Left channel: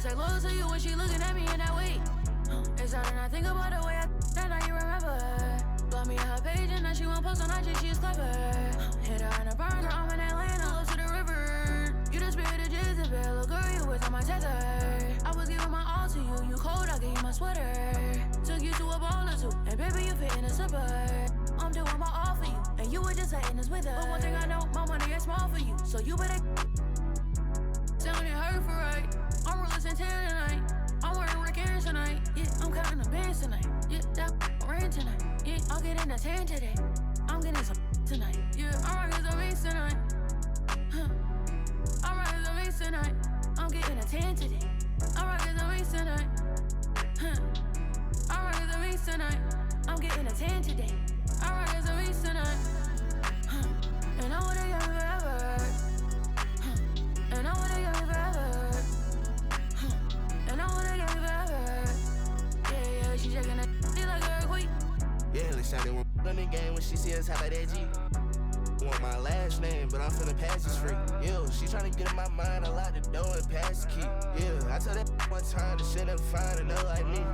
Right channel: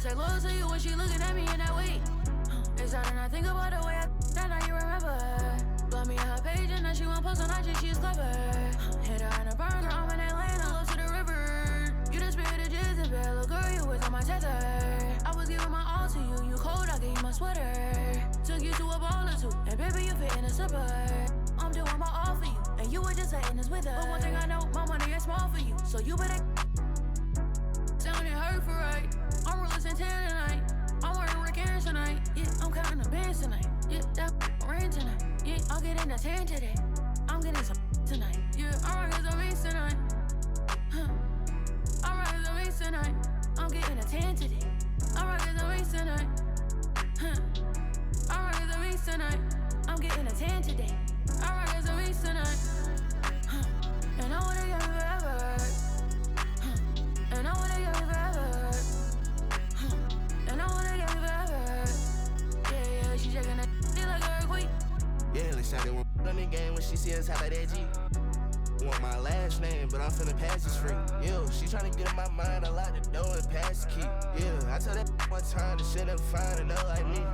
to say loyal to you when she looking at me in that way. It's hard to not think about the way I that now you remember. Blow me on her page and then she won't post on IG, she's clever. Hit her in a burn, girl, I'm in Atlanta, close to the river. You the spirit of Jezebel, little girl, you was on my tether. I was giving my all to you, you cold, I gave you my sweater. Took you to a ball or two, and baby, you fit in a slipper. I'm doing my all for you, and you were just letting us with her. But one thing I know, my money is small for you, so you better sounding hurt for right. I'm real as 10 tonight. I'm wearing Rick Aaron tonight. Yeah, I'm counting the bands tonight. Yeah, that rain tonight. Yeah, I'll get in the 10 today. I'm getting some tonight. Yeah, I'm rocking some beats tonight. I'm rocking some beats tonight. I'm getting a 10 today. I'm rocking some beats tonight. I'm rocking some beats tonight. I'm getting a 10 today. I'm rocking some beats tonight. And I wanna get me forever. And I wanna get me forever. And I wanna get me forever. Yeah, she shaking that she like an earthquake. Yeah, let's shot it one on the game when she see us hop out that G. Want my last name, but I'm finna pass this free. Yo, she tryna get in my mind, I lock the door and pass the key. Yeah, I told that one time that she'll never find another like me.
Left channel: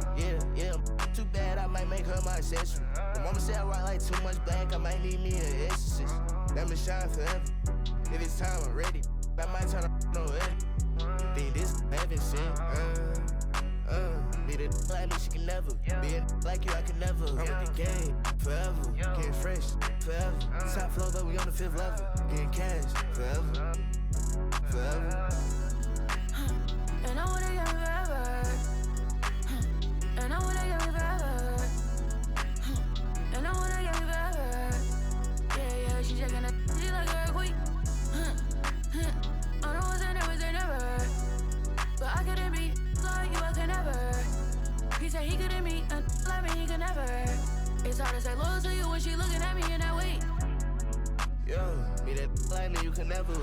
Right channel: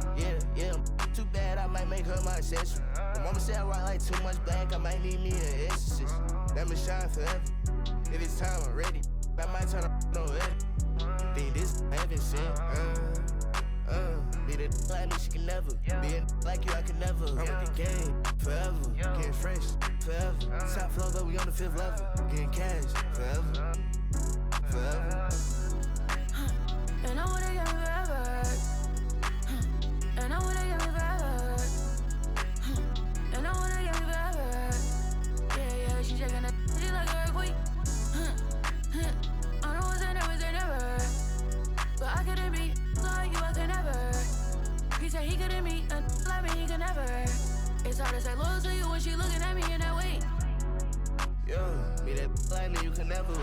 Yeah, too bad I might make her my accessory. My mama said I rock like too much black, I might need me an exorcist. Let me shine forever. If it's time, I'm ready. I might turn no way. Think this heaven sent. Be the like me, she can never. Be a like you, I can never. I'm with the game forever. Getting fresh forever. Top floor, but we on the 5th level. Getting cash forever. Forever. And I wanna get me forever. And I wanna get me forever. And I wanna get me forever. Yeah, she shaking that she like an earthquake. I know it's never. But I couldn't be like you, I could never. He said he couldn't meet a like me, he could never. It's hard to say loyal to you when she looking at me in that way. Yo, me that like me, you can never. Yo,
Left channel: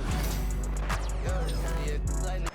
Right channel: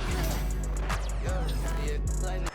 me that like me.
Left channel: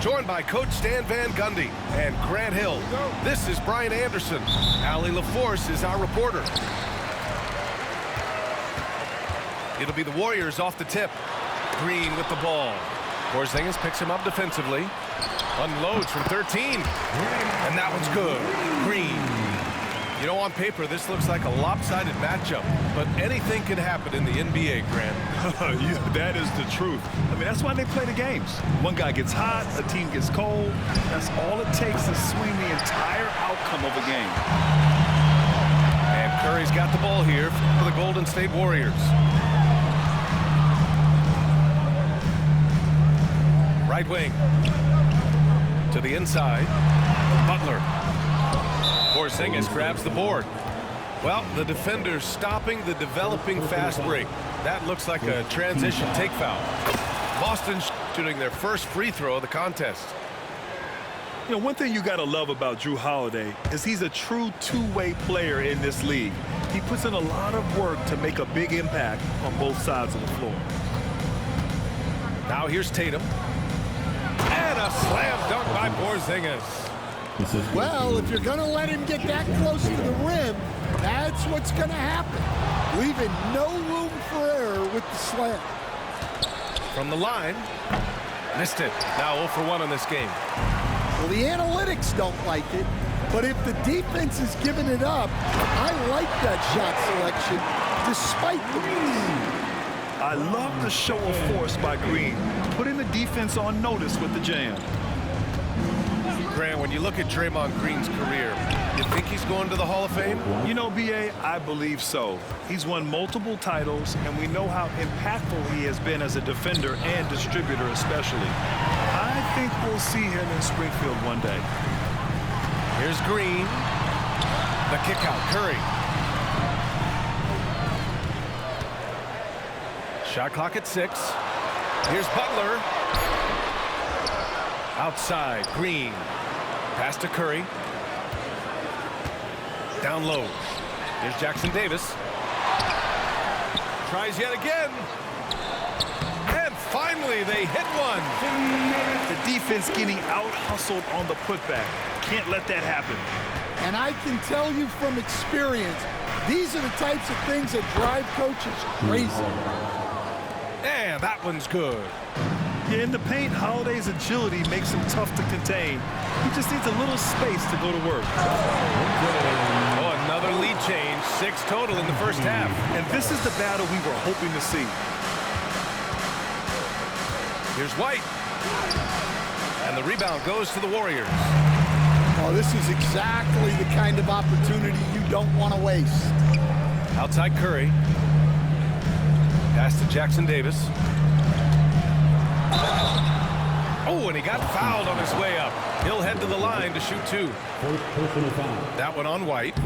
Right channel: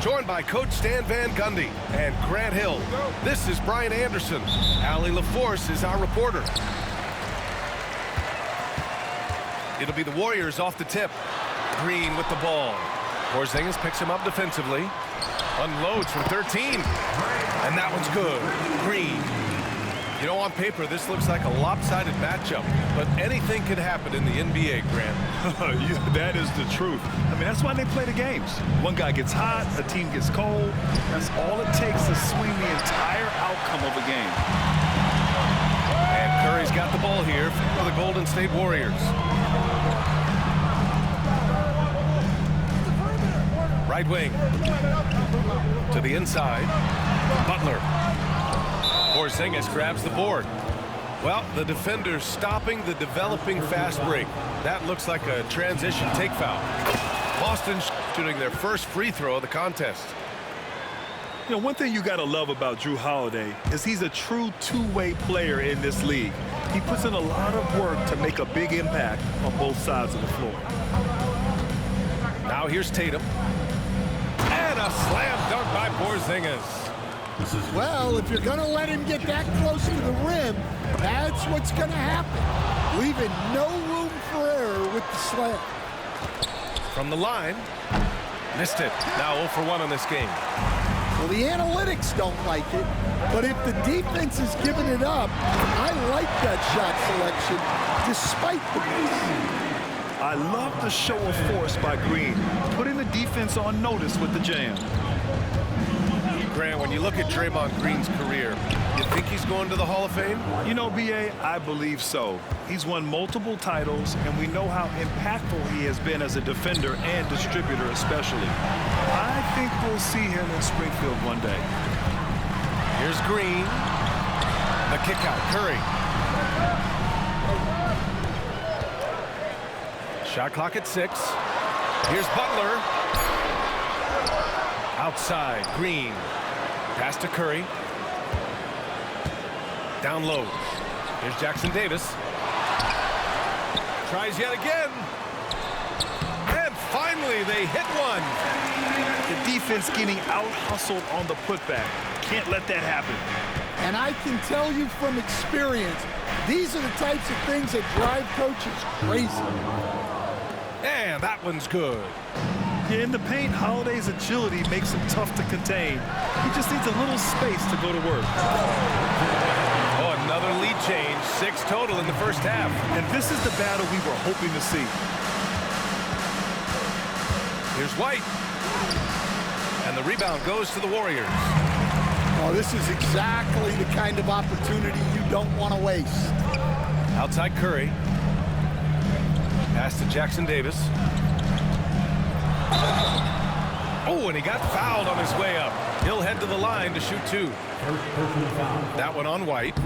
Joined by Coach Stan Van Gundy and Grant Hill. This is Brian Anderson. Allie LaForce is our reporter. It'll be the Warriors off the tip. Green with the ball. Porzingis picks him up defensively. Unloads from 13. And that one's good. Green. You know, on paper, this looks like a lopsided matchup, but anything can happen in the NBA, Grant. Yeah, that is the truth. I mean, that's why they play the games. One guy gets hot, a team gets cold. That's all it takes to swing the entire outcome of a game. And Curry's got the ball here for the Golden State Warriors. Right wing. To the inside. Butler. Porzingis grabs the board. Well, the defender's stopping the developing fast break. That looks like a transition take foul. Boston shooting their first free throw of the contest. You know, one thing you got to love about Jrue Holiday is he's a true two-way player in this league. He puts in a lot of work to make a big impact on both sides of the floor. Now here's Tatum. And a slam dunk by Porzingis. Well, if you're going to let him get that close to the rim, that's what's going to happen. leaving no room for error with the slam. From the line, missed it. Now 0 for 1 on this game. Well, the analytics don't like it, but if the defense is giving it up, I like that shot selection despite the miss. I love the show of force by Green, putting the defense on notice with the jam. Grant, when you look at Draymond Green's career, you think he's going to the Hall of Fame? You know, B.A., I believe so. He's won multiple titles, and we know how impactful he has been as a defender and distributor especially. I think we'll see him in Springfield one day. Here's Green. The kick out. Curry. Shot clock at 6. Here's Butler. Outside. Green. Pass to Curry. Down low. Here's Jackson Davis. Tries yet again. And finally they hit one. The defense getting out-hustled on the putback. Can't let that happen. And I can tell you from experience, these are the types of things that drive coaches crazy. And that one's good. Yeah, in the paint, Holiday's agility makes him tough to contain. He just needs a little space to go to work. Oh, another lead change. 6 total in the first half. And this is the battle we were hoping to see. Here's White. And the rebound goes to the Warriors. Oh, this is exactly the kind of opportunity you don't want to waste. Outside Curry. Pass to Jackson Davis. Oh, and he got fouled on his way up. He'll head to the line to shoot 2. First personal foul. That one on White.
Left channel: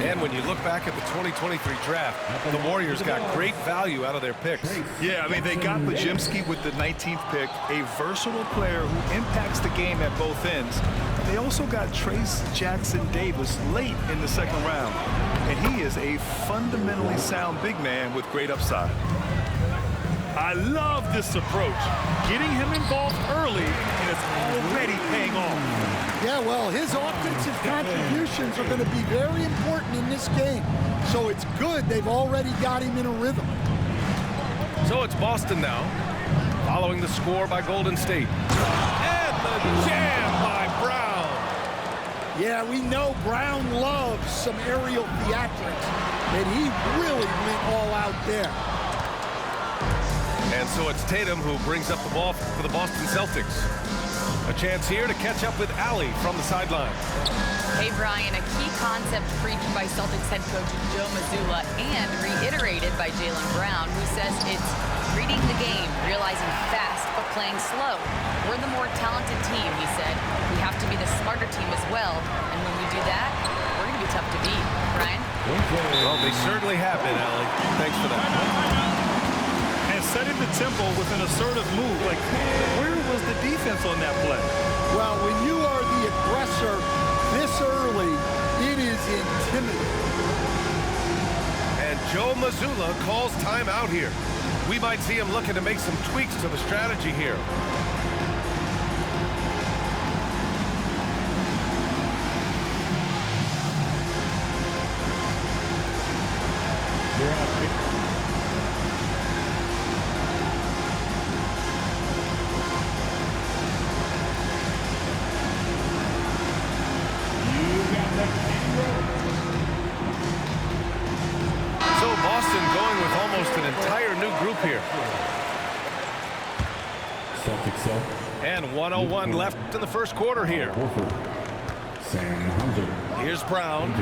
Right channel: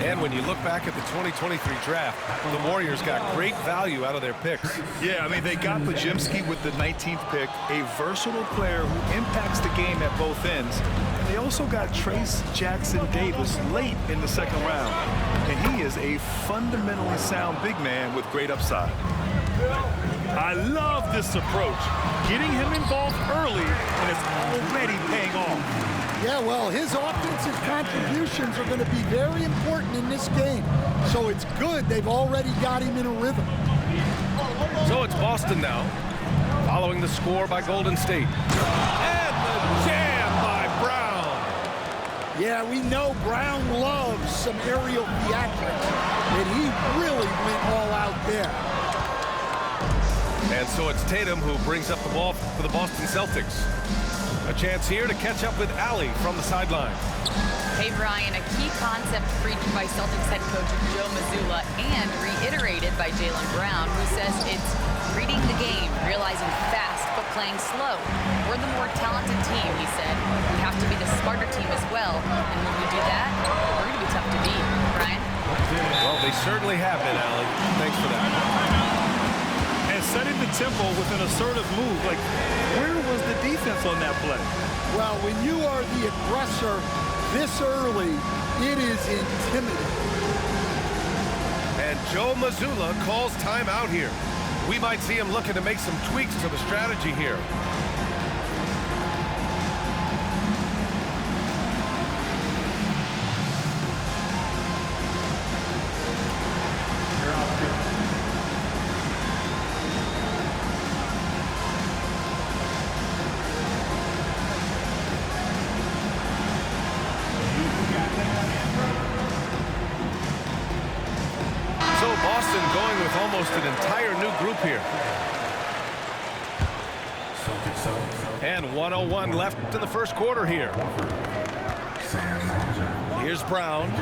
And when you look back at the 2023 draft, the Warriors got great value out of their picks. Yeah, I mean, they got Podziemski with the 19th pick, a versatile player who impacts the game at both ends. And they also got Trace Jackson Davis late in the second round. And he is a fundamentally sound big man with great upside. I love this approach. Getting him involved early, and it's already paying off. Yeah, well, his offensive contributions are going to be very important in this game. So it's good they've already got him in a rhythm. So it's Boston now, following the score by Golden State. And the jam by Brown. Yeah, we know Brown loves some aerial theatrics, and he really went all out there. And so it's Tatum who brings up the ball for the Boston Celtics. A chance here to catch up with Allie from the sideline. Hey, Brian, a key concept preached by Celtics head coach Joe Mazzulla and reiterated by Jaylen Brown, who says it's reading the game, realizing fast but playing slow. We're the more talented team, he said. We have to be the smarter team as well, and when we do that, we're going to be tough to beat. Brian? Well, they certainly have been, Allie. Thanks for that. And setting the tempo with an assertive move. Like, where was the defense on that play? Well, when you are the aggressor this early, it is intimidating. And Joe Mazzulla calls timeout here. We might see him looking to make some tweaks to the strategy here. So Boston going with almost an entire new group here. Celtics so. And 101 left in the first quarter here. Sam Hauser. Here's Brown.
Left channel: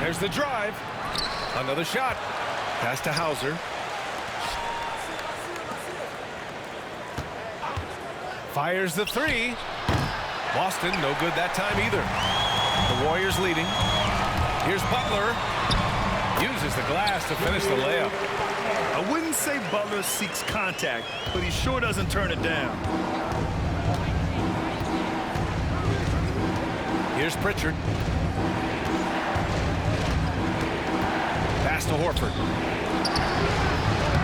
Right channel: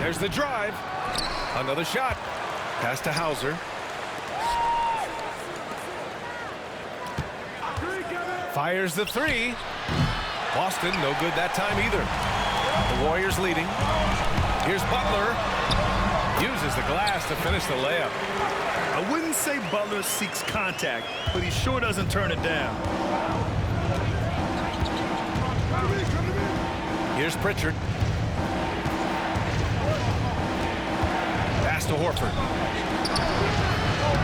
There's the drive. Another shot. Pass to Hauser. Fires the 3. Boston no good that time either. The Warriors leading. Here's Butler. Uses the glass to finish the layup. I wouldn't say Butler seeks contact, but he sure doesn't turn it down. Here's Pritchard. Pass to Horford.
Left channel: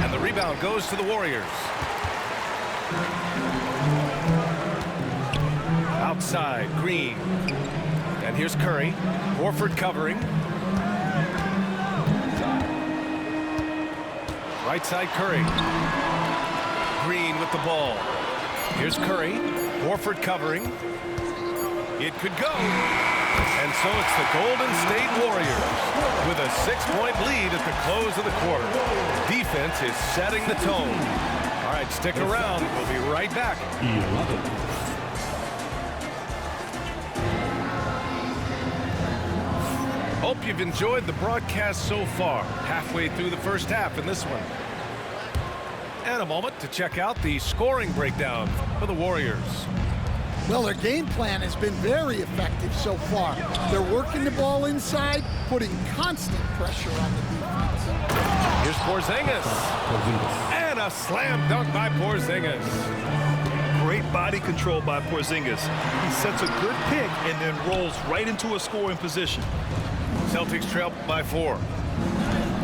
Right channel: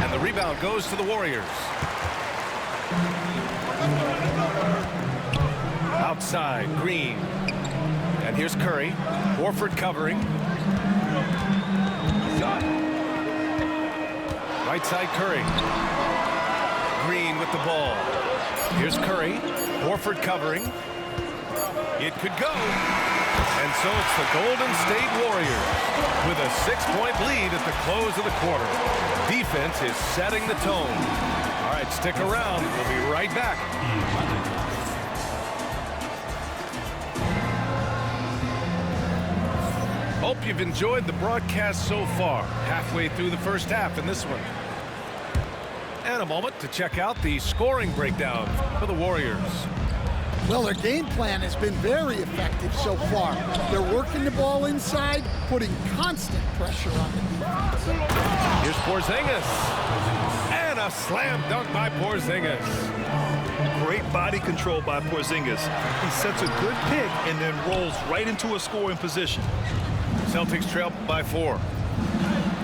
And the rebound goes to the Warriors. Outside, Green. And here's Curry. Horford covering. Right side, Curry. Green with the ball. Here's Curry. Horford covering. It could go. And so it's the Golden State Warriors with a 6-point lead at the close of the quarter. Defense is setting the tone. All right, stick around. We'll be right back. 11. Hope you've enjoyed the broadcast so far. Halfway through the first half in this one. And a moment to check out the scoring breakdown for the Warriors. Well, their game plan has been very effective so far. They're working the ball inside, putting constant pressure on the defense. Here's Porzingis. And a slam dunk by Porzingis. Great body control by Porzingis. He sets a good pick and then rolls right into a scoring position. Celtics trail by 4.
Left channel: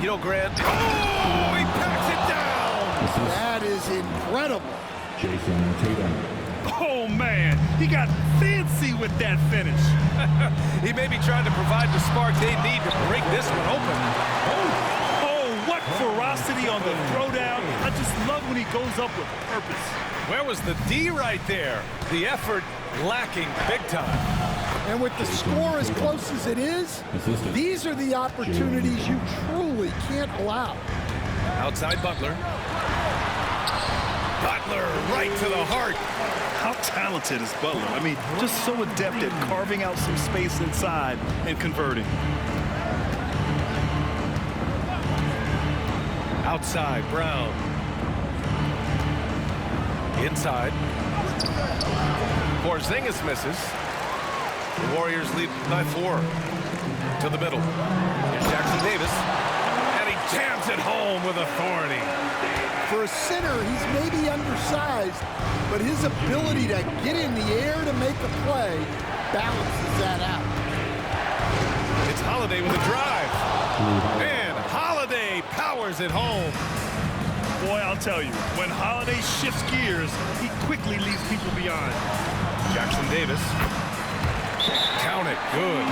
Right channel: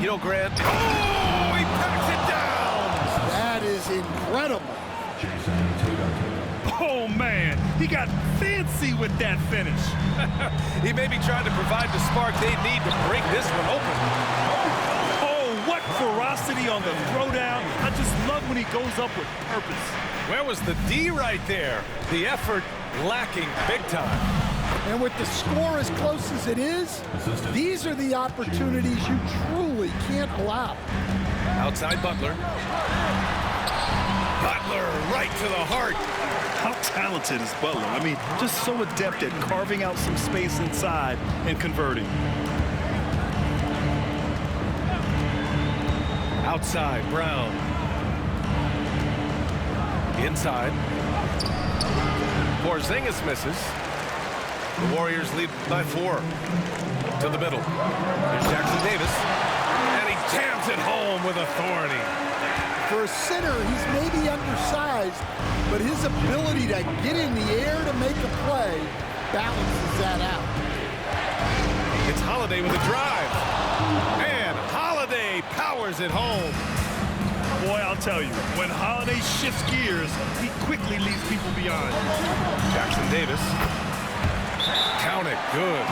You know, Grant. Oh, he packs it down. That is incredible. Jason Tatum. Oh, man. He got fancy with that finish. He may be trying to provide the spark they need to break this one open. Oh, what ferocity on the throwdown. I just love when he goes up with purpose. Where was the D right there? The effort lacking big time. And with the score as close as it is, these are the opportunities you truly can't allow. Outside Butler. Butler right to the heart. How talented is Butler? I mean, just so adept at carving out some space inside and converting. Outside, Brown. Inside. Porzingis misses. The Warriors lead by 4. To the middle. Here's Jackson Davis. And he jams it home with authority. For a center, he's maybe undersized, but his ability to get in the air to make a play balances that out. It's Holiday with a drive. And Holiday powers it home. Boy, I'll tell you, when Holiday shifts gears, he quickly leaves people behind. Jackson Davis. Count it. Good.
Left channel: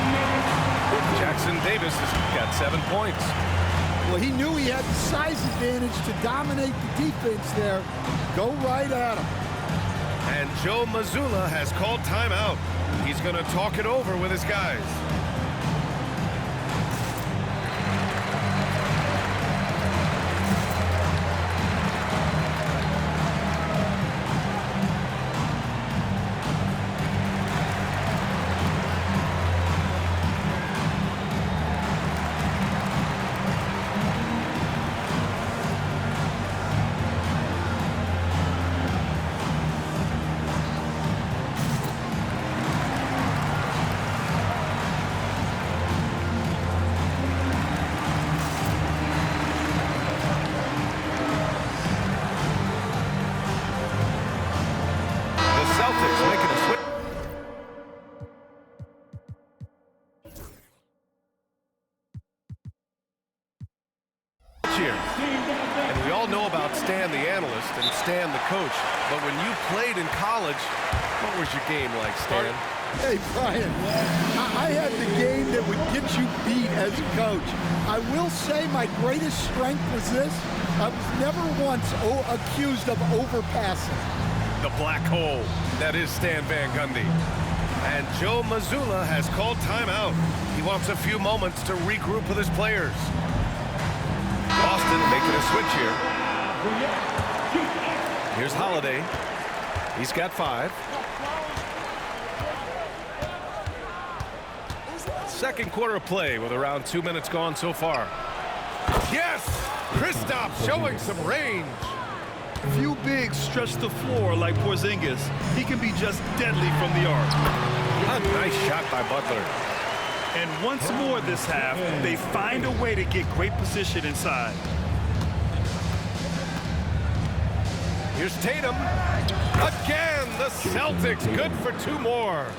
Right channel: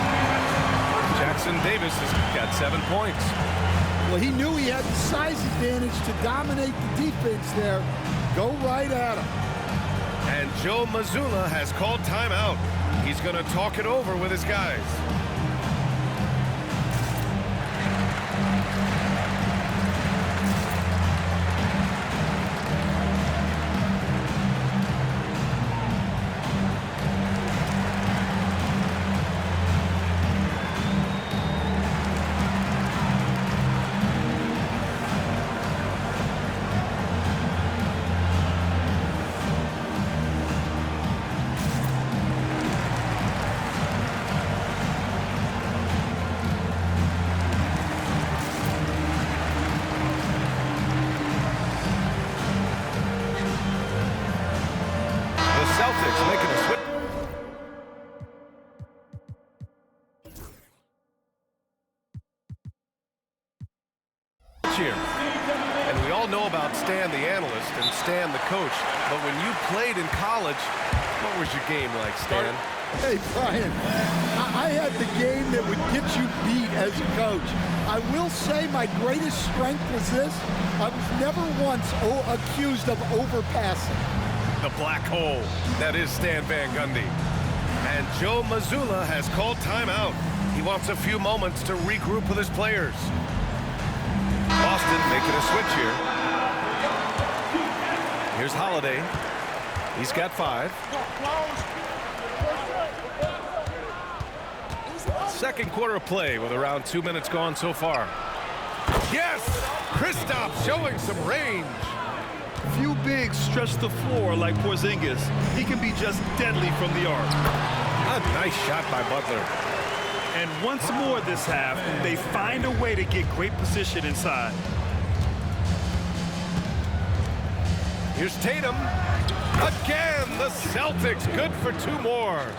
Jackson Davis has got 7 points. Well, he knew he had the size advantage to dominate the defense there. Go right at him. And Joe Mazzulla has called timeout. He's going to talk it over with his guys. Celtics making a switch. Here. And we all know about Stan the analyst and Stan the coach, but when you played in college, what was your game like, Stan? Hey, Brian, I had the game that would get you beat as a coach. I will say my greatest strength was this. I was never once accused of overpassing. The black hole. That is Stan Van Gundy. And Joe Mazzulla has called timeout. He wants a few moments to regroup with his players. Boston making a switch here. Here's Holiday. He's got 5. Second quarter of play with around 2 minutes gone so far. Yes! Kristaps showing some range. Few bigs stretch the floor like Porzingis. He can be just deadly from the arc. A nice shot by Butler. And once more this half, they find a way to get great position inside. Here's Tatum. Again, the Celtics good for 2 more.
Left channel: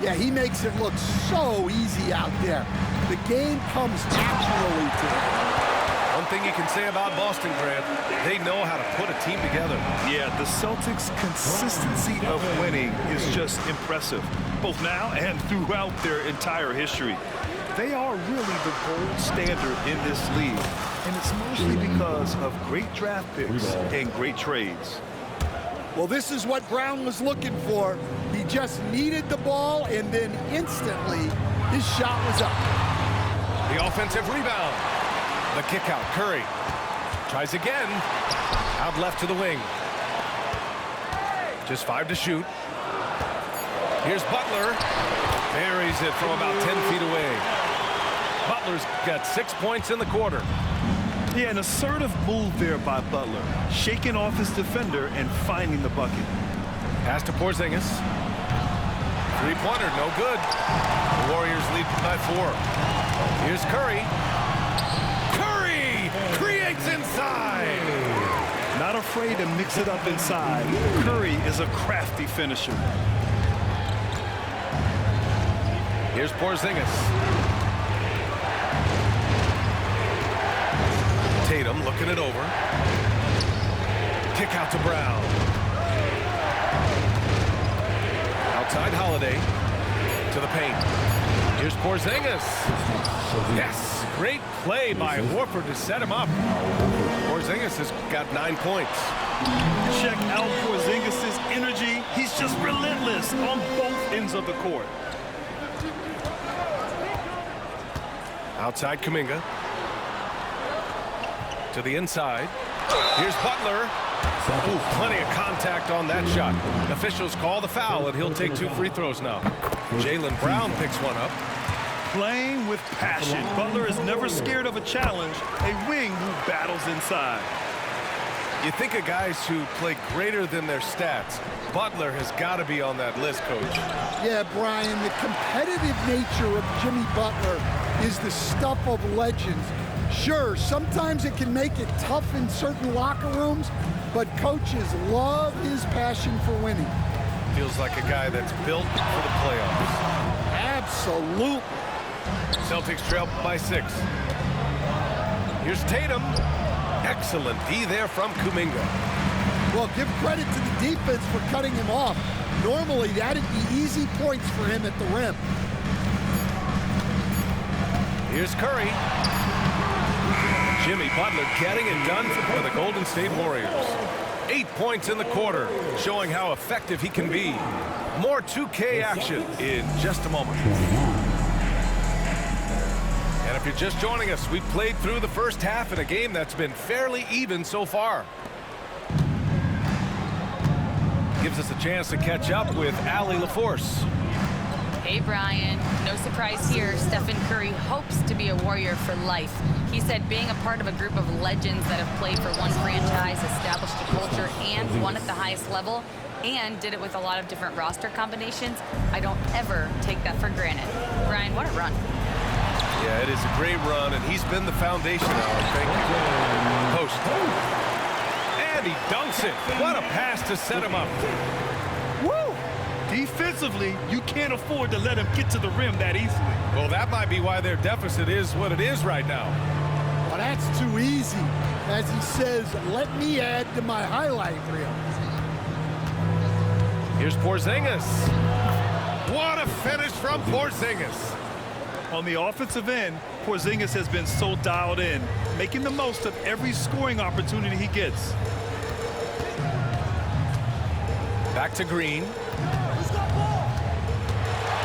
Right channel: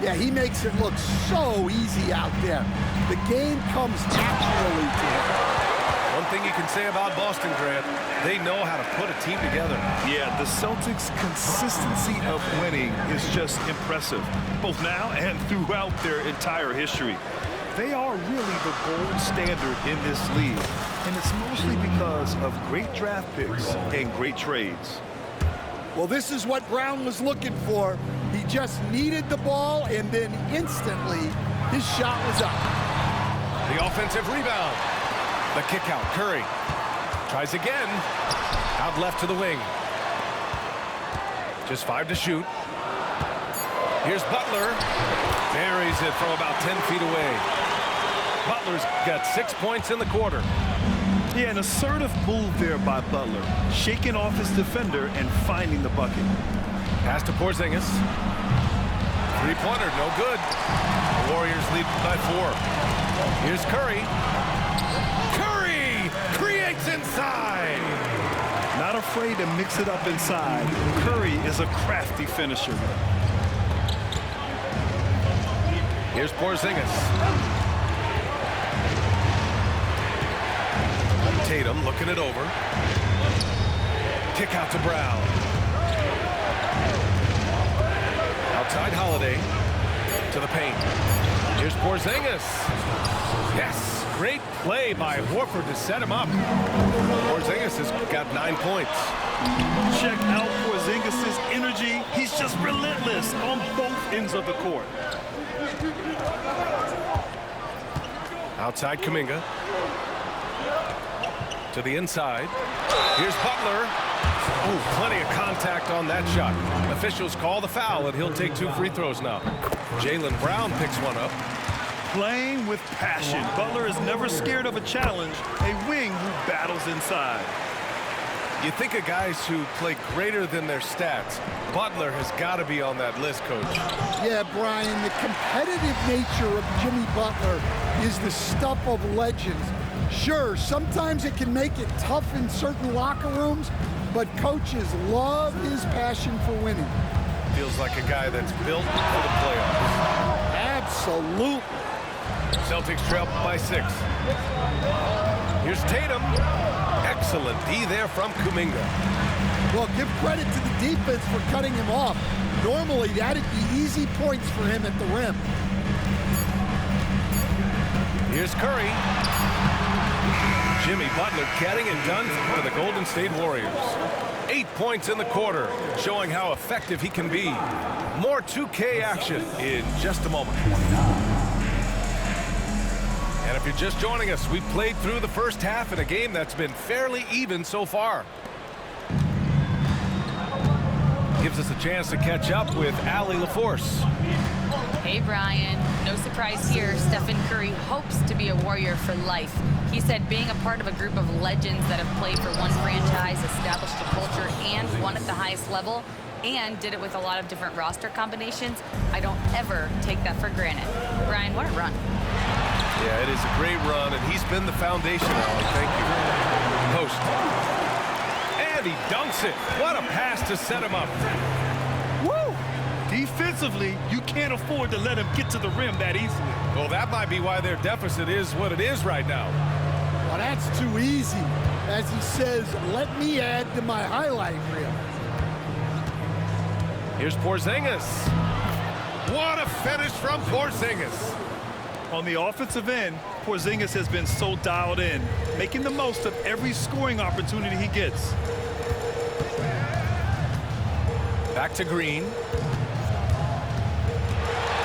Yeah, he makes it look so easy out there. The game comes naturally to him. One thing you can say about Boston, Grant, they know how to put a team together. Yeah, the Celtics' consistency of winning is just impressive, both now and throughout their entire history. They are really the gold standard in this league, and it's mostly because of great draft picks and great trades. Well, this is what Brown was looking for. He just needed the ball, and then instantly his shot was up. The offensive rebound. The kick out. Curry tries again. Out left to the wing. Just 5 to shoot. Here's Butler. Buries it from about 10 feet away. Butler's got 6 points in the quarter. Yeah, an assertive move there by Butler, shaking off his defender and finding the bucket. Pass to Porzingis. Three-pointer, no good. The Warriors lead by 4. Here's Curry. Curry creates inside. Not afraid to mix it up inside. Curry is a crafty finisher. Here's Porzingis. Tatum looking it over. Kick out to Brown. Outside Holiday to the paint. Here's Porzingis. Yes, great play by Horford to set him up. Porzingis has got 9 points. Check out Porzingis' energy. He's just relentless on both ends of the court. Outside Kuminga. To the inside. Here's Butler. Oh, plenty of contact on that shot. Officials call the foul, and he'll take 2 free throws now. Jaylen Brown picks one up. Playing with passion. Butler is never scared of a challenge, a wing who battles inside. You think of guys who play greater than their stats. Butler has got to be on that list, Coach. Yeah, Brian, the competitive nature of Jimmy Butler is the stuff of legends. Sure, sometimes it can make it tough in certain locker rooms, but coaches love his passion for winning. Feels like a guy that's built for the playoffs. Absolutely. Celtics trail by 6. Here's Tatum. Excellent D there from Kuminga. Well, give credit to the defense for cutting him off. Normally, that'd be easy points for him at the rim. Here's Curry. Jimmy Butler getting it done for the Golden State Warriors. 8 points in the quarter, showing how effective he can be. More 2K action in just a moment. And if you're just joining us, we've played through the first half in a game that's been fairly even so far. Gives us a chance to catch up with Allie LaForce. Hey, Brian. No surprise here. Stephen Curry hopes to be a Warrior for life. He said being a part of a group of legends that have played for one franchise, established a culture, and won at the highest level, and did it with a lot of different roster combinations, I don't ever take that for granted. Brian, what a run. Yeah, it is a great run, and he's been the foundation, Allie. Thank you. Post. And he dunks it. What a pass to set him up. Woo! Defensively, you can't afford to let him get to the rim that easily. Well, that might be why their deficit is what it is right now. Well, that's too easy. As he says, let me add to my highlight reel. Here's Porzingis. What a finish from Porzingis. On the offensive end, Porzingis has been so dialed in, making the most of every scoring opportunity he gets. Back to Green.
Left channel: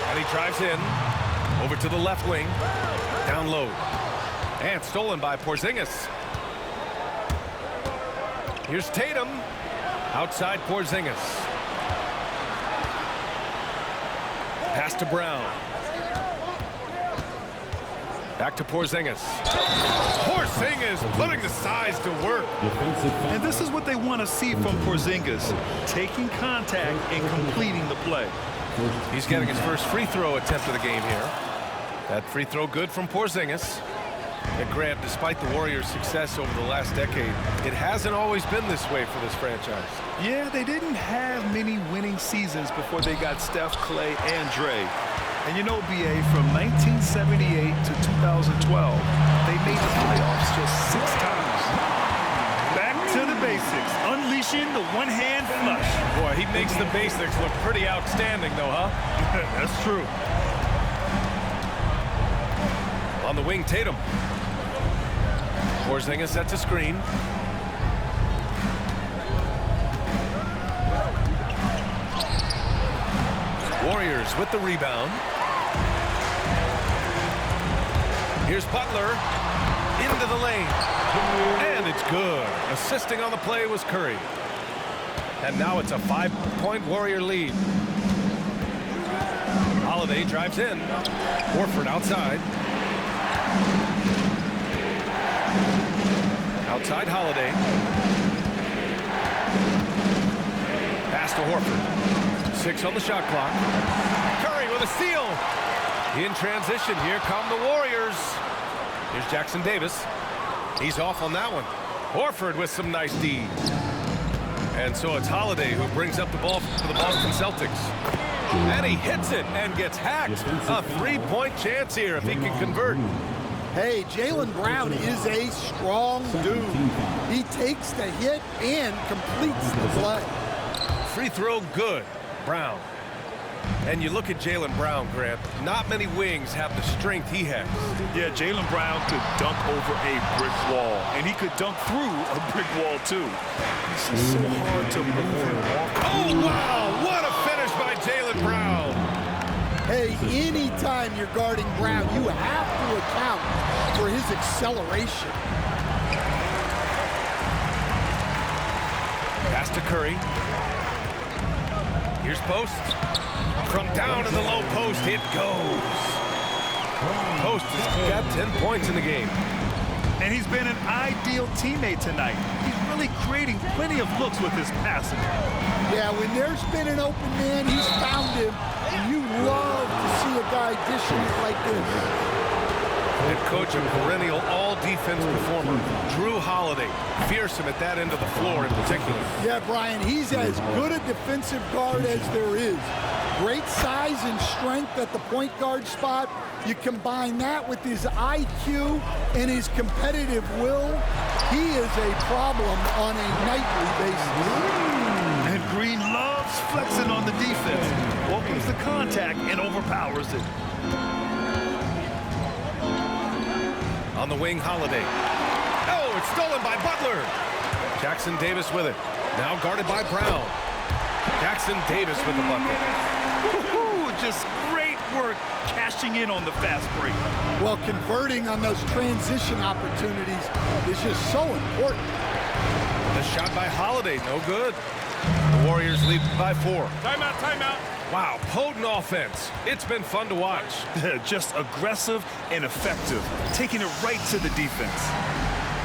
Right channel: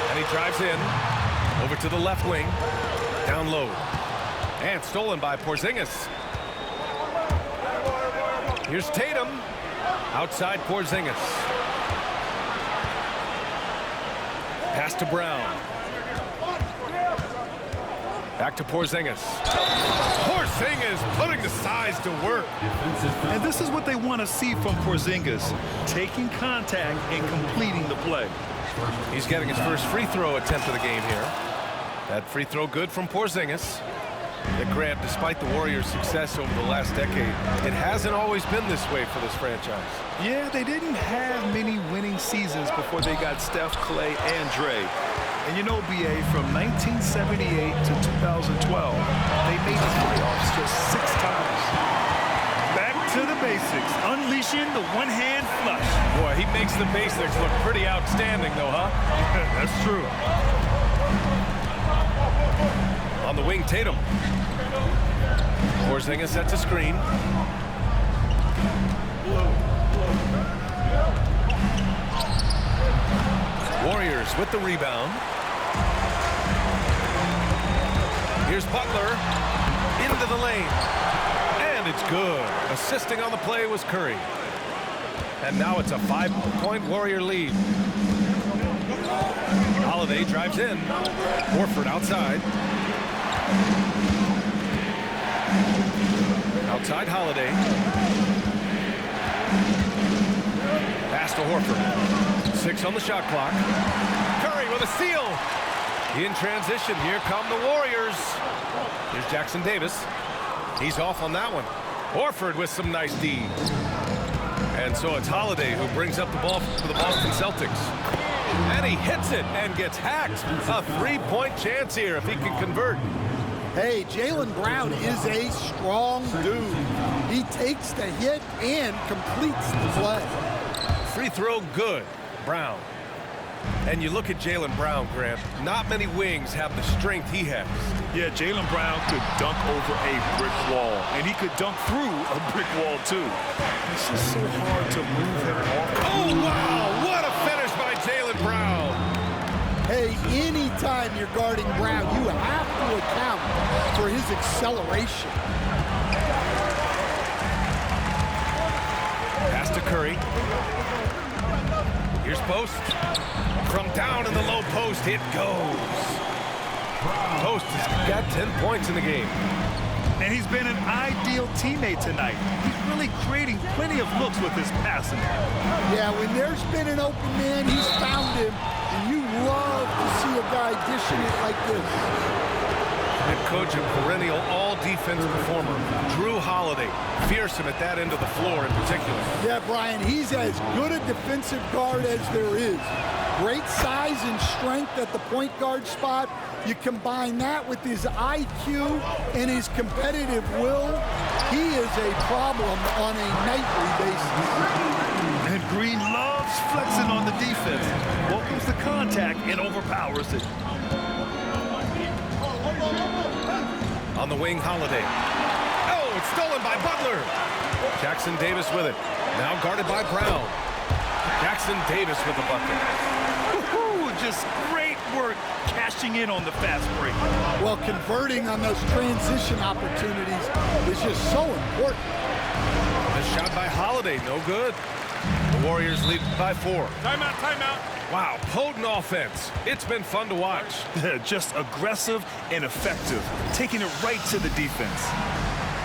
And he drives in. Over to the left wing. Down low. And stolen by Porzingis. Here's Tatum. Outside Porzingis. Pass to Brown. Back to Porzingis. Porzingis putting the size to work. And this is what they want to see from Porzingis, taking contact and completing the play. He's getting his first free throw attempt of the game here. That free throw good from Porzingis. Yet Grant, despite the Warriors' success over the last decade, it hasn't always been this way for this franchise. Yeah, they didn't have many winning seasons before they got Steph, Clay, and Dre. And you know, BA, from 1978 to 2012, they made the playoffs just 6 times. Back to the basics, unleashing the one-hand flush. Boy, he makes the basics look pretty outstanding, though, huh? That's true. On the wing, Tatum. Porzingis sets a screen. Warriors with the rebound. Here's Butler into the lane. And it's good. Assisting on the play was Curry. And now it's a 5-point Warrior lead. Holiday drives in. Horford outside. Outside Holiday. Pass to Horford. 6 on the shot clock. Curry with a steal. In transition, here come the Warriors. Here's Jackson Davis. He's off on that one. Horford with some nice D. And so it's Holiday who brings up the ball for the Boston Celtics. And he hits it and gets hacked. A 3-point chance here if he can convert. Hey, Jaylen Brown is a strong dude. He takes the hit and completes the play. Free throw good. Brown. And you look at Jaylen Brown, Grant. Not many wings have the strength he has. Yeah, Jaylen Brown could dunk over a brick wall, and he could dunk through a brick wall, too. It's just so hard to move him off. Oh, wow! What a finish by Jaylen Brown! Hey, anytime you're guarding Brown, you have to account for his acceleration. Pass to Curry. Here's Post. From down in the low post, it goes. Post has got 10 points in the game. And he's been an ideal teammate tonight. He's really creating plenty of looks with his passing. Yeah, when there's been an open man, he's found him. And you love to see a guy dishing it like this. And coach, a perennial all-defense performer, Jrue Holiday, fearsome at that end of the floor in particular. Yeah, Brian, he's as good a defensive guard as there is. Great size and strength at the point guard spot. You combine that with his IQ and his competitive will, he is a problem on a nightly basis. And Green loves flexing on the defense. Welcomes the contact and overpowers it. On the wing, Holiday. Oh, it's stolen by Butler. Jackson Davis with it. Now guarded by Brown. Jackson Davis with the bucket. Just great work cashing in on the fast break. Well, converting on those transition opportunities is just so important. The shot by Holiday, no good. The Warriors lead by 4. Timeout, timeout. Wow, potent offense. It's been fun to watch. Just aggressive and effective, taking it right to the defense.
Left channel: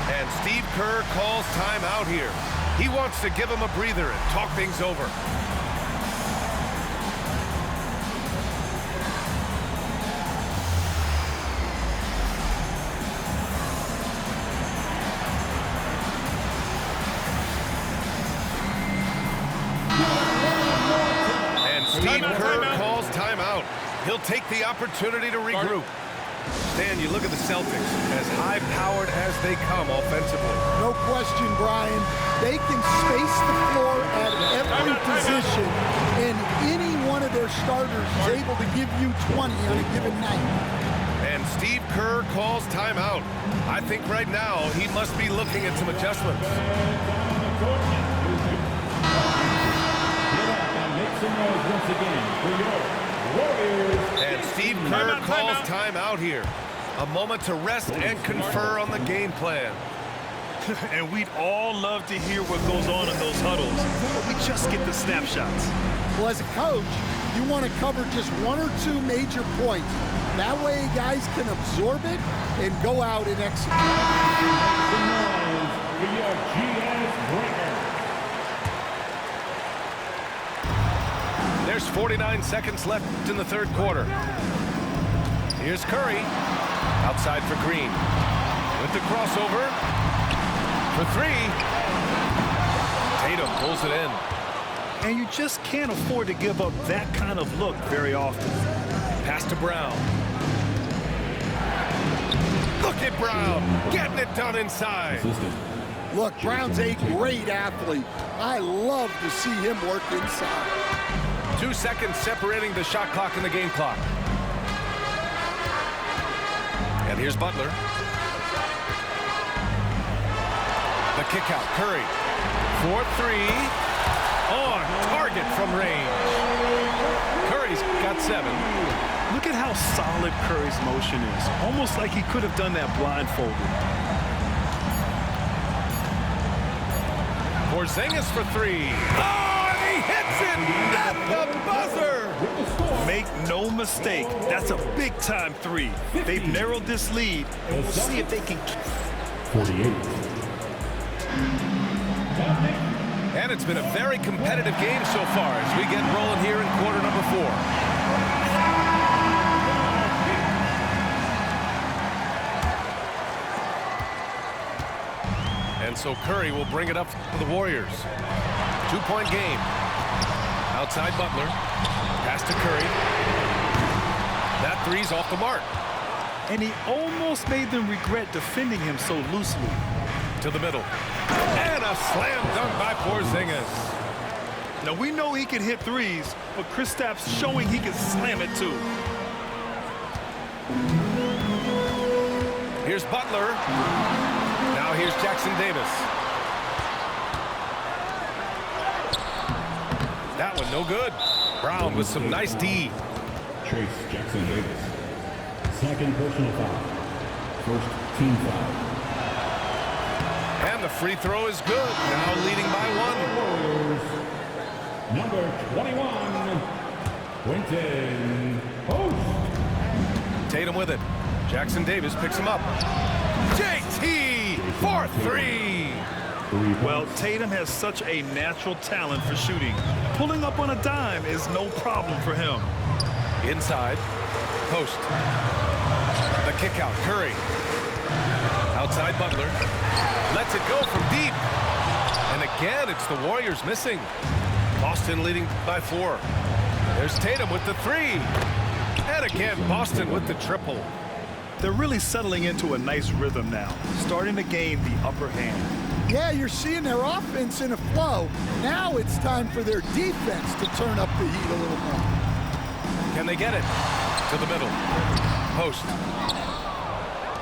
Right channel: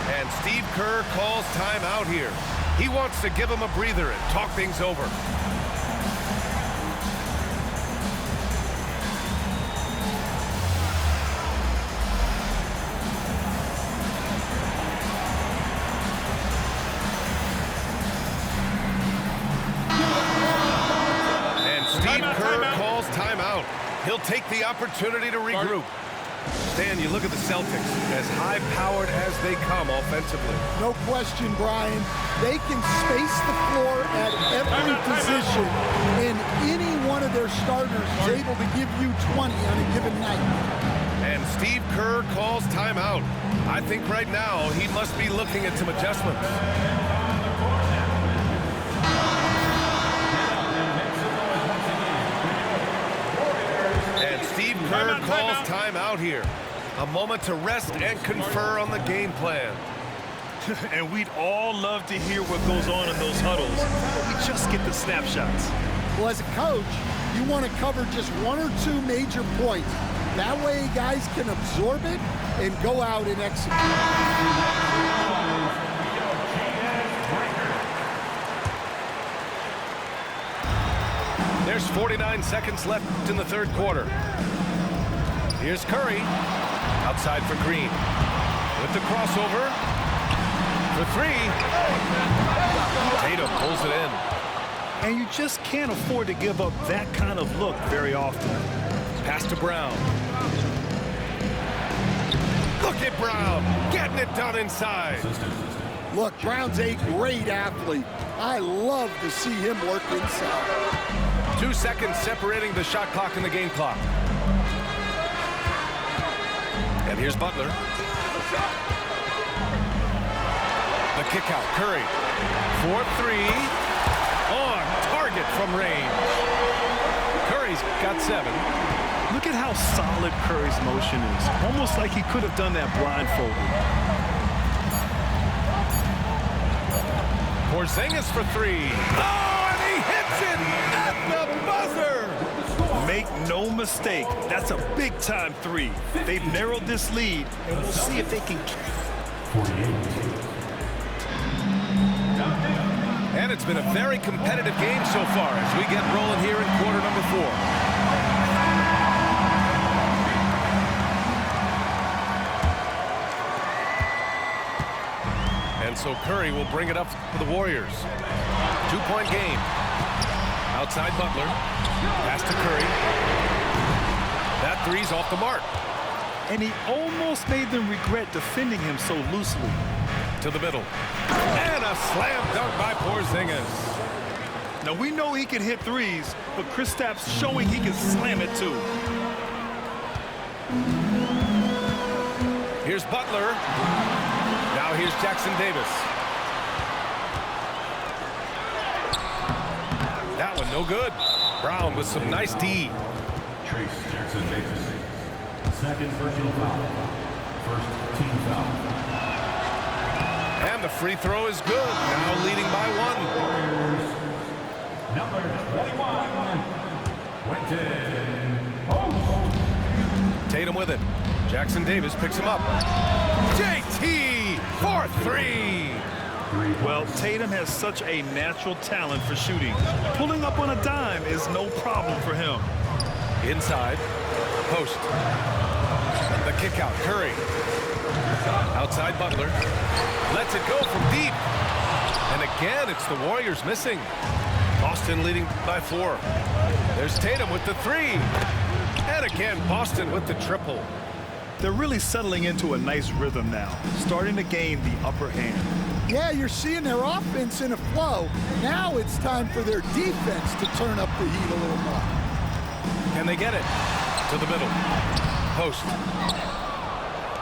And Steve Kerr calls timeout here. He wants to give him a breather and talk things over. And Steve Kerr calls timeout. He'll take the opportunity to regroup. Stan, you look at the Celtics, as high-powered as they come offensively. No question, Brian. They can space the floor at every position, and any one of their starters is able to give you 20 on a given night. And Steve Kerr calls timeout. I think right now he must be looking at some adjustments. And Steve Kerr calls timeout here. A moment to rest and confer on the game plan. And we'd all love to hear what goes on in those huddles, but we just get the snapshots. Well, as a coach, you want to cover just 1 or 2 major points. That way guys can absorb it and go out and execute. There's 49 seconds left in the third quarter. Here's Curry. Outside for Green. With the crossover. For 3. Tatum pulls it in. And you just can't afford to give up that kind of look very often. Pass to Brown. Look at Brown getting it done inside. Look, Brown's a great athlete. I love to see him work inside. 2 seconds separating the shot clock and the game clock. And here's Butler. The kick out. Curry. 4-3. On target from range. Curry's got 7. Look at how solid Curry's motion is. Almost like he could have done that blindfolded. Porzingis for 3. Oh, and he hits it at the buzzer. Make no mistake, that's a big-time 3. They've narrowed this lead, and we'll see if they can... 48. And it's been a very competitive game so far as we get rolling here in quarter number 4. And so Curry will bring it up for the Warriors. 2-point game. Outside Butler. Pass to Curry. That 3's off the mark. And he almost made them regret defending him so loosely. To the middle. And a slam dunk by Porzingis. Now, we know he can hit 3s, but Kristaps showing he can slam it too. Here's Butler. Now here's Jackson Davis. That one no good. Brown with some nice D. Trace Jackson Davis. Second personal foul. First team foul. And the free throw is good. Now leading by 1. Warriors. Number 21. Quentin Post. Tatum with it. Jackson Davis picks him up. JT for 3. Well, Tatum has such a natural talent for shooting. Pulling up on a dime is no problem for him. Inside. Post. The kick out. Curry. Outside Butler. Lets it go from deep. And again, it's the Warriors missing. Boston leading by 4. There's Tatum with the 3. And again, Boston with the triple. They're really settling into a nice rhythm now, starting to gain the upper hand. Yeah, you're seeing their offense in a flow. Now it's time for their defense to turn up the heat a little more. Can they get it? To the middle. Post.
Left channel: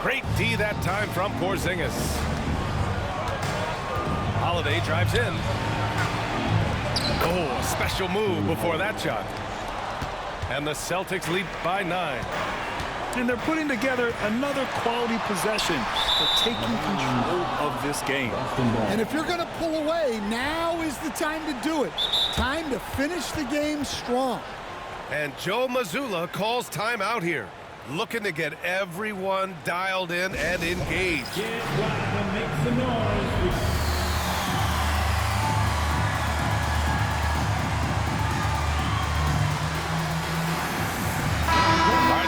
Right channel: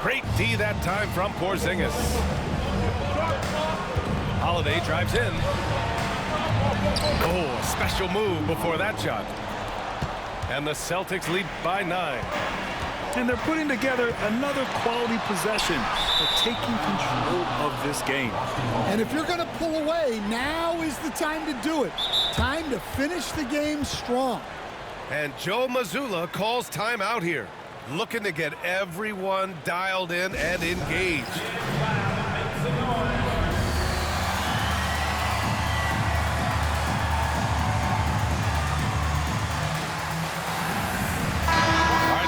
Great D that time from Porzingis. Holiday drives in. Oh, a special move before that shot. And the Celtics lead by 9. And they're putting together another quality possession. They're taking control of this game. And if you're going to pull away, now is the time to do it. Time to finish the game strong. And Joe Mazzulla calls timeout here, looking to get everyone dialed in and engaged.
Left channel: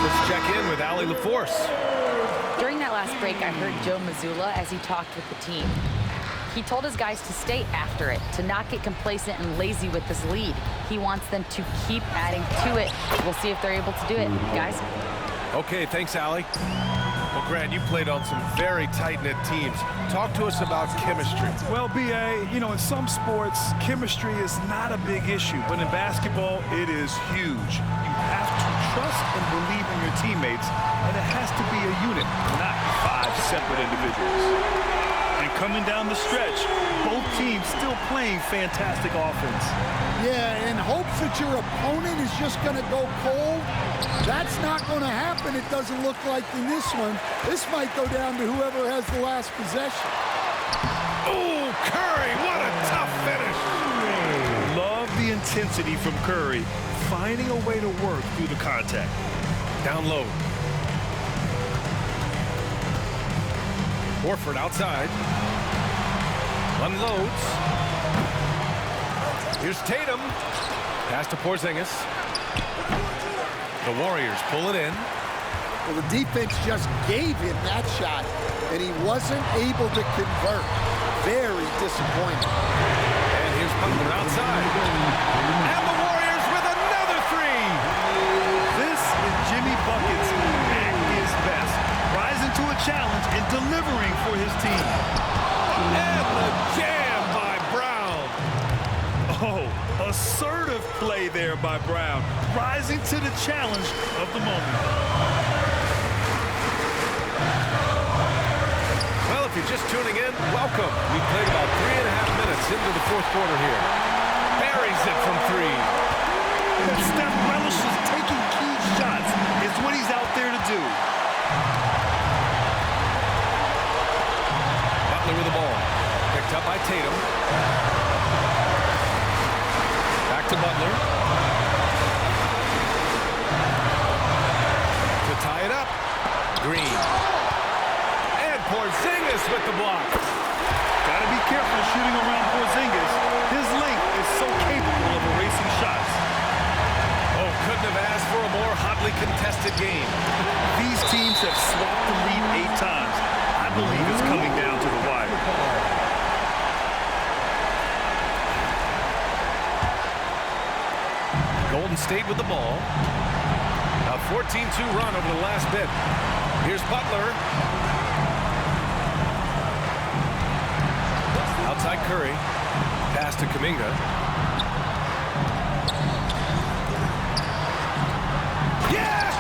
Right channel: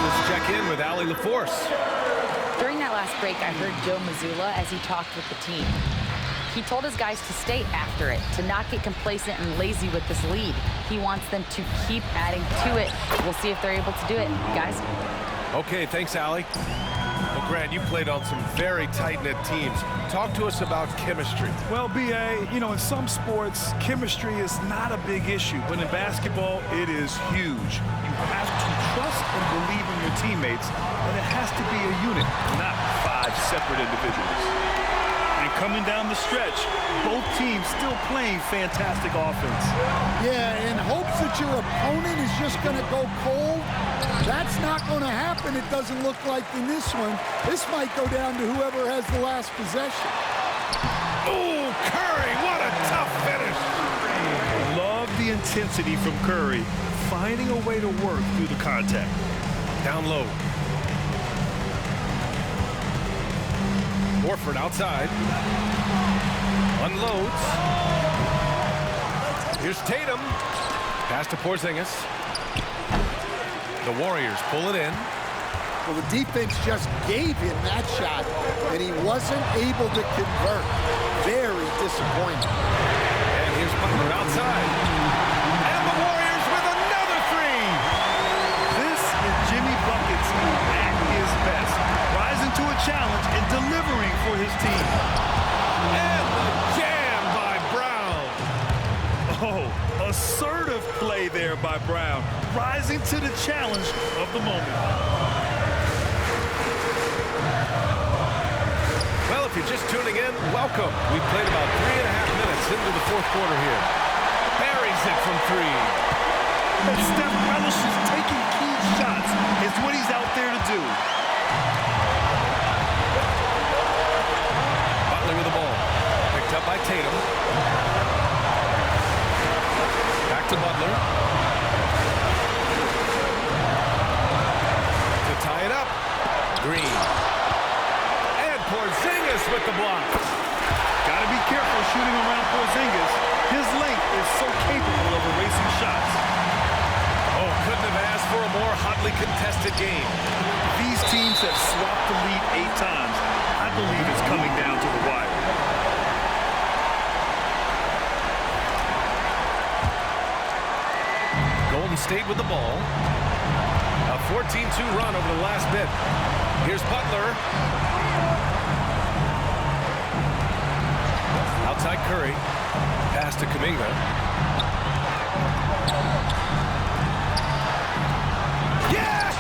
Let's check in with Allie LaForce. During that last break, I heard Joe Mazzulla as he talked with the team. He told his guys to stay after it, to not get complacent and lazy with this lead. He wants them to keep adding to it. We'll see if they're able to do it, guys. Okay, thanks, Allie. Well, Grant, you played on some very tight-knit teams. Talk to us about chemistry. Well, B.A., you know, in some sports, chemistry is not a big issue, but in basketball, it is huge. You have to trust and believe in your teammates, and it has to be a unit, not 5 separate individuals. And coming down the stretch, both teams still playing fantastic offense. Yeah, in hopes that your opponent is just going to go cold, that's not going to happen, it doesn't look like in this one. This might go down to whoever has the last possession. Oh, Curry, what a tough finish. Love the intensity from Curry, finding a way to work through the contact. Down low. Horford outside. Unloads. Here's Tatum. Pass to Porzingis. The Warriors pull it in. Well, the defense just gave him that shot, and he wasn't able to convert. Very disappointing. And here's Butler outside. And the Warriors with another 3. This is Jimmy Buckets at his best, rising to a challenge and delivering for his team. And the jam by Brown. Oh, assertive play there by Brown, rising to the challenge of the moment. if you're just tuning in, welcome. We've played about 3.5 minutes into the fourth quarter here. Buries it from 3. And Steph relishes taking key shots. It's what he's out there to do. Butler with the ball. Picked up by Tatum. Back to Butler. To tie it up. Green. And Porzingis with the block. Got to be careful shooting around Porzingis. His length is so capable of erasing shots. Oh, couldn't have asked for a more hotly contested game. These teams have swapped the lead 8 times. I believe it's coming down to the wire. Golden State with the ball. A 14-2 run over the last bit. Here's Butler. Outside Curry. Pass to Kuminga. Yes!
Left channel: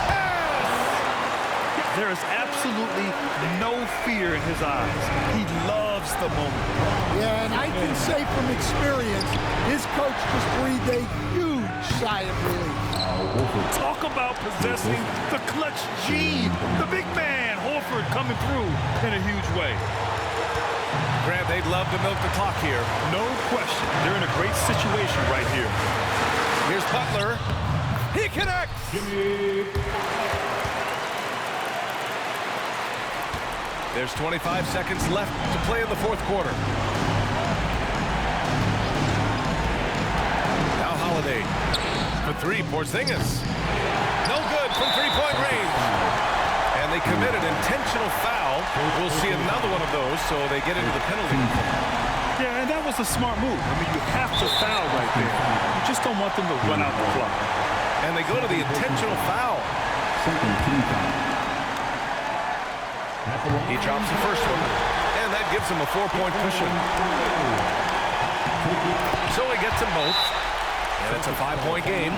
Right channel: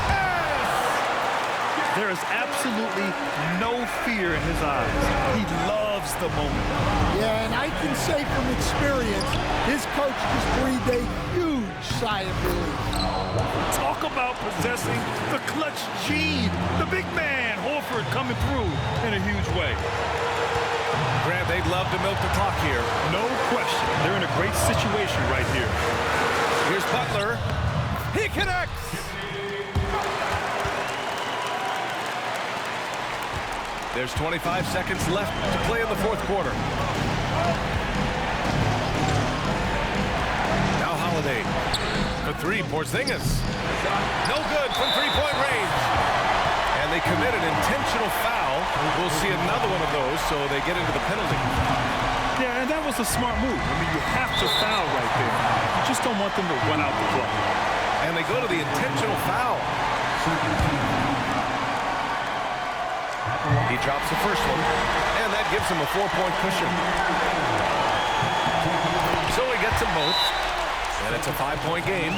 There is absolutely no fear in his eyes. He loves the moment. Yeah, and I can say from experience, his coach just breathed a huge sigh of relief. Talk about possessing the clutch gene. The big man, Horford, coming through in a huge way. Grant, they'd love to milk the clock here. No question. They're in a great situation right here. Here's Butler. He connects! There's 25 seconds left to play in the fourth quarter. Now Holiday. For 3, Porzingis. No good from three-point range. And they committed intentional foul. We'll see another one of those, so they get into the penalty. Yeah, and that was a smart move. I mean, you have to foul right there. You just don't want them to run out the clock. And they go to the intentional foul. He drops the first one, and that gives him a 4-point cushion. So he gets them both, and it's a 5-point game.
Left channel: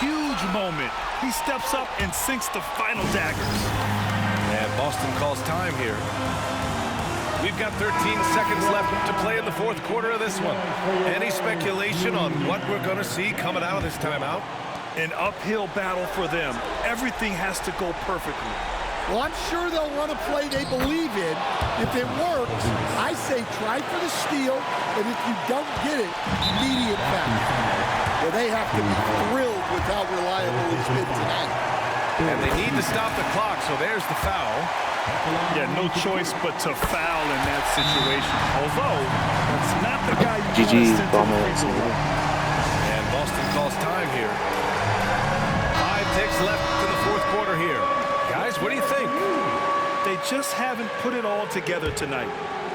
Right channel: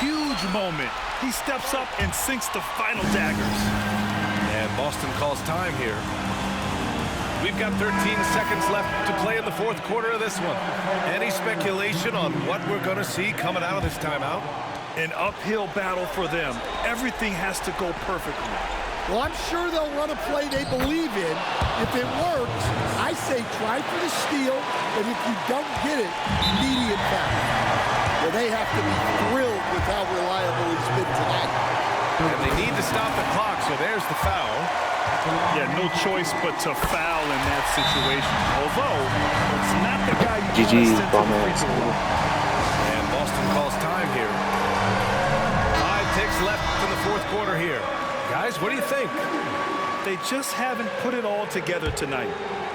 Huge moment. He steps up and sinks the final daggers. And Boston calls time here. We've got 13 seconds left to play in the fourth quarter of this one. Any speculation on what we're going to see coming out of this timeout? An uphill battle for them. Everything has to go perfectly. Well, I'm sure they'll run a play they believe in. If it works, I say try for the steal, and if you don't get it, immediate foul. Well, they have to be thrilled with how reliable he's been tonight. And they need to stop the clock, so there's the foul. Yeah, no choice but to foul in that situation. Although, that's not the guy you want to send to the free throw line. And Boston calls time here. 5 ticks left in the fourth quarter here. Guys, what do you think? They just haven't put it all together tonight.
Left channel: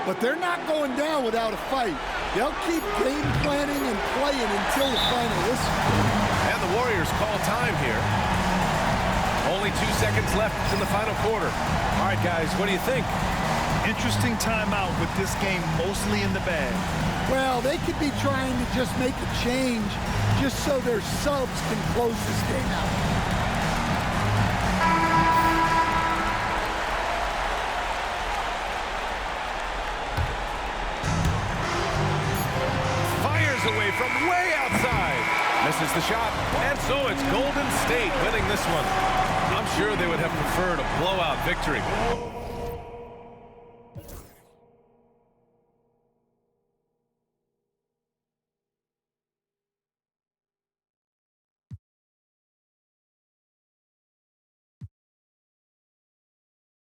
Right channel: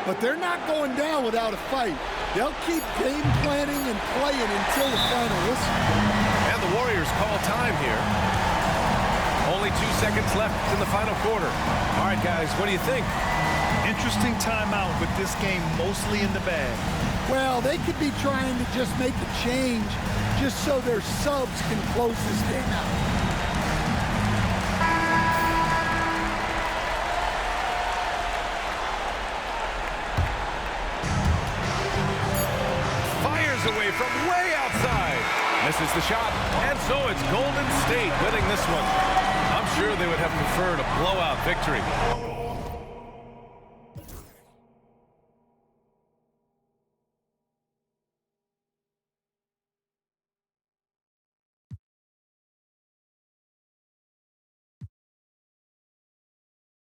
But they're not going down without a fight. They'll keep game planning and playing until the final whistle. And the Warriors call time here. Only 2 seconds left in the final quarter. All right, guys, what do you think? Interesting timeout with this game mostly in the bag. Well, they could be trying to just make a change just so their subs can close this game out. Away from way outside. Misses the shot, and so it's Golden State winning this one. I'm sure they would have preferred a blowout victory.